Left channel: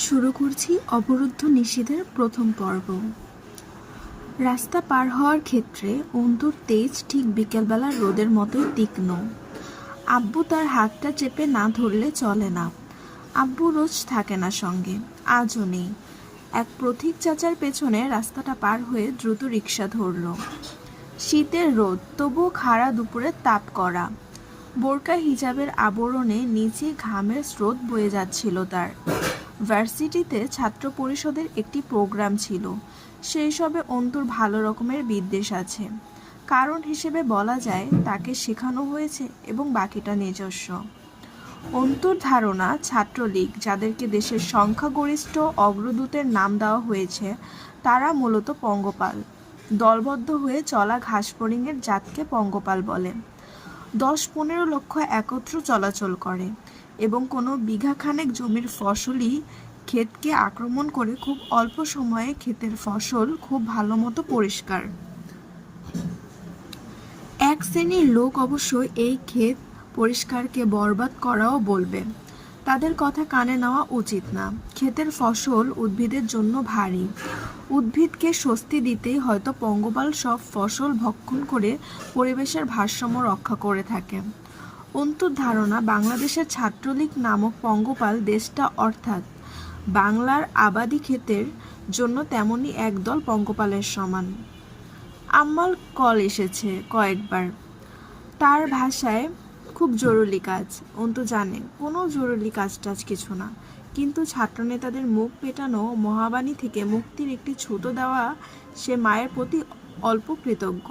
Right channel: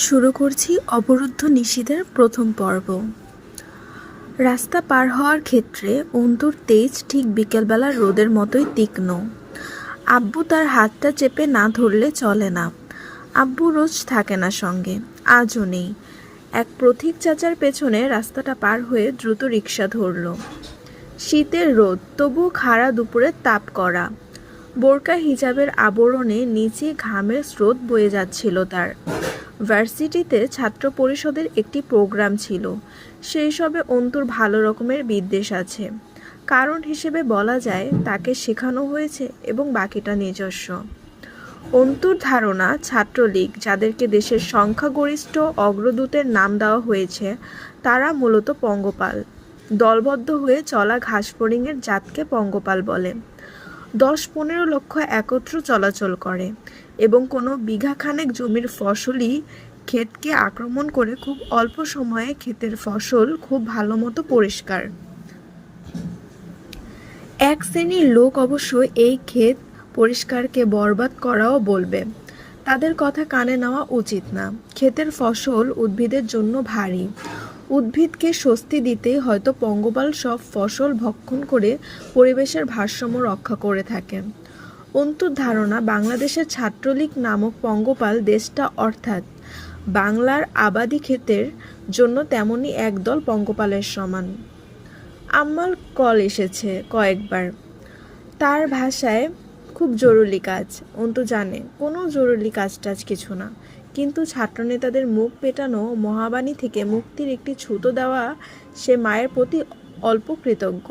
শুরু করছি অবরুদ্ধ নিশীথের প্রথম পর্ব। রাস্তা পার হওয়ার ক্ষেত্রে অন্তুর তেজ ঠিক বিকেলবেলার রোদের মতোই তীক্ষ্ণ। আব্বু তার হাতটা চেপে না ধরলে চলে না। আব্বু রোজ থাকে না সঙ্গে, আজও নেই। এক প্রতীক চাচার পেছনে রাস্তাটা পার হয়ে দ্রুত রিকশা ধরল। শীতের রোদ, তবুও খাড়া দুপুরের তাপ করা। বোরকা হিজাবের আবরণে নিচে ঘামের স্রোত বয়ে যাচ্ছিল তার। ভার্সিটিতে ছাত্র পরিষদের একটি প্রোগ্রাম ছিল। সেই সবে অন্তুর ভালো রকমের বিদ্বেষ আছে। কারণ হিসেবে বলা যায় তাকে শেখানো হয়েছে এবং বাকিটা নিজস্ব। অন্তুর ধারণা ছাত্রলীগ, যাদেরকে দেশের সংখ্যাগরিষ্ঠ অগ্রদূতের নাম দেওয়া হয়েছে, তারা মূলত পঙ্গপাল। দলবদ্ধ হয়ে চলা ঘাসফড়িংয়ের জাতকে পঙ্গপাল বলে। 10-15 লক্ষ একত্র চলাচল করে এবং কোনো বিঘাখানেক জমির ফসলি ক্ষেতকে আক্রমণ করে খুব অল্প সময়ে ক্ষেতের ফসল খুব ভালো মতো পরিষ্কার। এক শ্রেণীর লোক অবশ্য এই ক্ষেত পরিষ্কারকে বরবাদ করাও বলবে। তাদের কথা কানে নেওয়া উচিত না। ক্ষেতের ফসল উদ্ভিদের জন্য ভারী। উদ্ভিদকে স্বস্তি দিতেই হয়তো পঙ্গপাল সব ফসল ভক্ষণ করে পরিবেশের ভারসাম্য রক্ষা করে থাকে। অন্তুর ধারণা বাংলাদেশের ছাত্রলীগ নামক পঙ্গপাল দেশটা অর্থাৎ বাংলার আবাদি ক্ষেতের জন্য তেমনি একদল পঙ্গপালের সমান। আম্মার কল এসেছে কয়েকবার। তার ভাষায় খুব জরুরি কাজ। অন্তু জানে কোনো জরুরি কাজ কিছু না, কিন্তু ছাত্রনেতাদের মুখ পেটানো মহাবাণী থেকে মুক্তির একটি ছুতো দেওয়া সে মায়ের প্রতি অল্প কৃতজ্ঞ।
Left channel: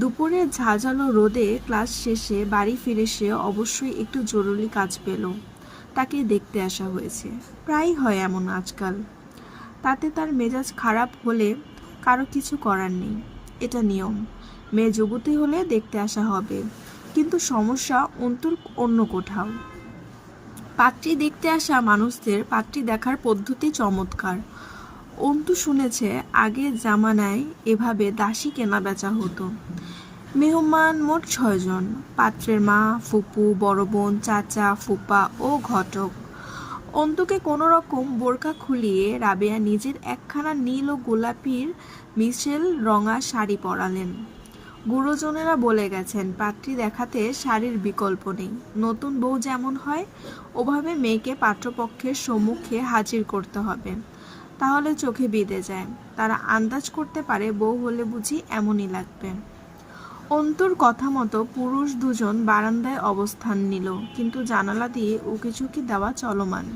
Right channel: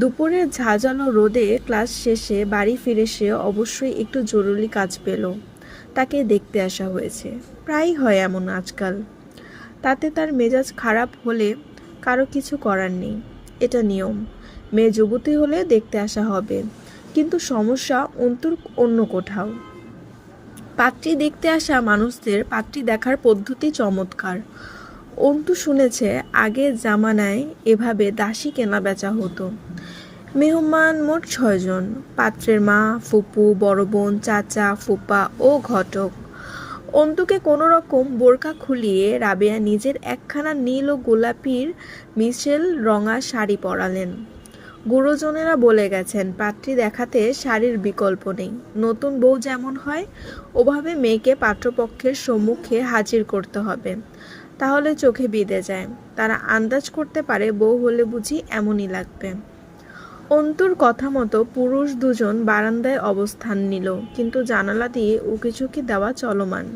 দুপুরের ঝাঁঝালো রোদে ক্লাস শেষে বাড়ি ফিরে সে অবশ্যই একটু জরুরি কাজ পেল। তাকে দেখতে আসা হয়েছে। প্রায়ই হয় এমন আজকাল। তাতে তার মেজাজ খারাপ হলে কারো কিছু করার নেই, এটা নিয়ম। মেয়ে যুবতী হলে দেখতে আসা হবে, কিন্তু সমস্যা অন্তুর অন্য কোথাও। পাত্রী দেখতে আসা মানুষদের পাত্রী দেখার পদ্ধতি চমৎকার। অন্তু শুনেছে আগের জামানায় এভাবে দাসী কেনা বেচা হতো। মেহমান মোট 6 জন। পাত্রের মা, ফুপু, বড় বোন, চাচা, ফুপা ও ঘটক। অন্তুকে কোনো রকম বোরকা খুলিয়ে রাবেয়া নিজের একখানা নীল ও গোলাপির মিশেল রঙা শাড়ি পরালেন। গুরুজনেরা বলে গেছেন পাত্রী দেখাতে শাড়ির বিকল্প নেই। নতুন বউ যেমন হয় ওভাবে মেয়েকে পাত্রপক্ষের সম্মুখে হাজির করতে হবে, তাহলে চোখে বিঁধে যায়। তারা আন্দাজ করতে পারে বউ হলে বুঝি এমনই লাগবে। অন্তুর কথা মতো পুরুষ দুজন বারান্দায় অবস্থান নিল, কিন্তু জানালা দিয়ে উকিঝুঁকি দেওয়া চলমান।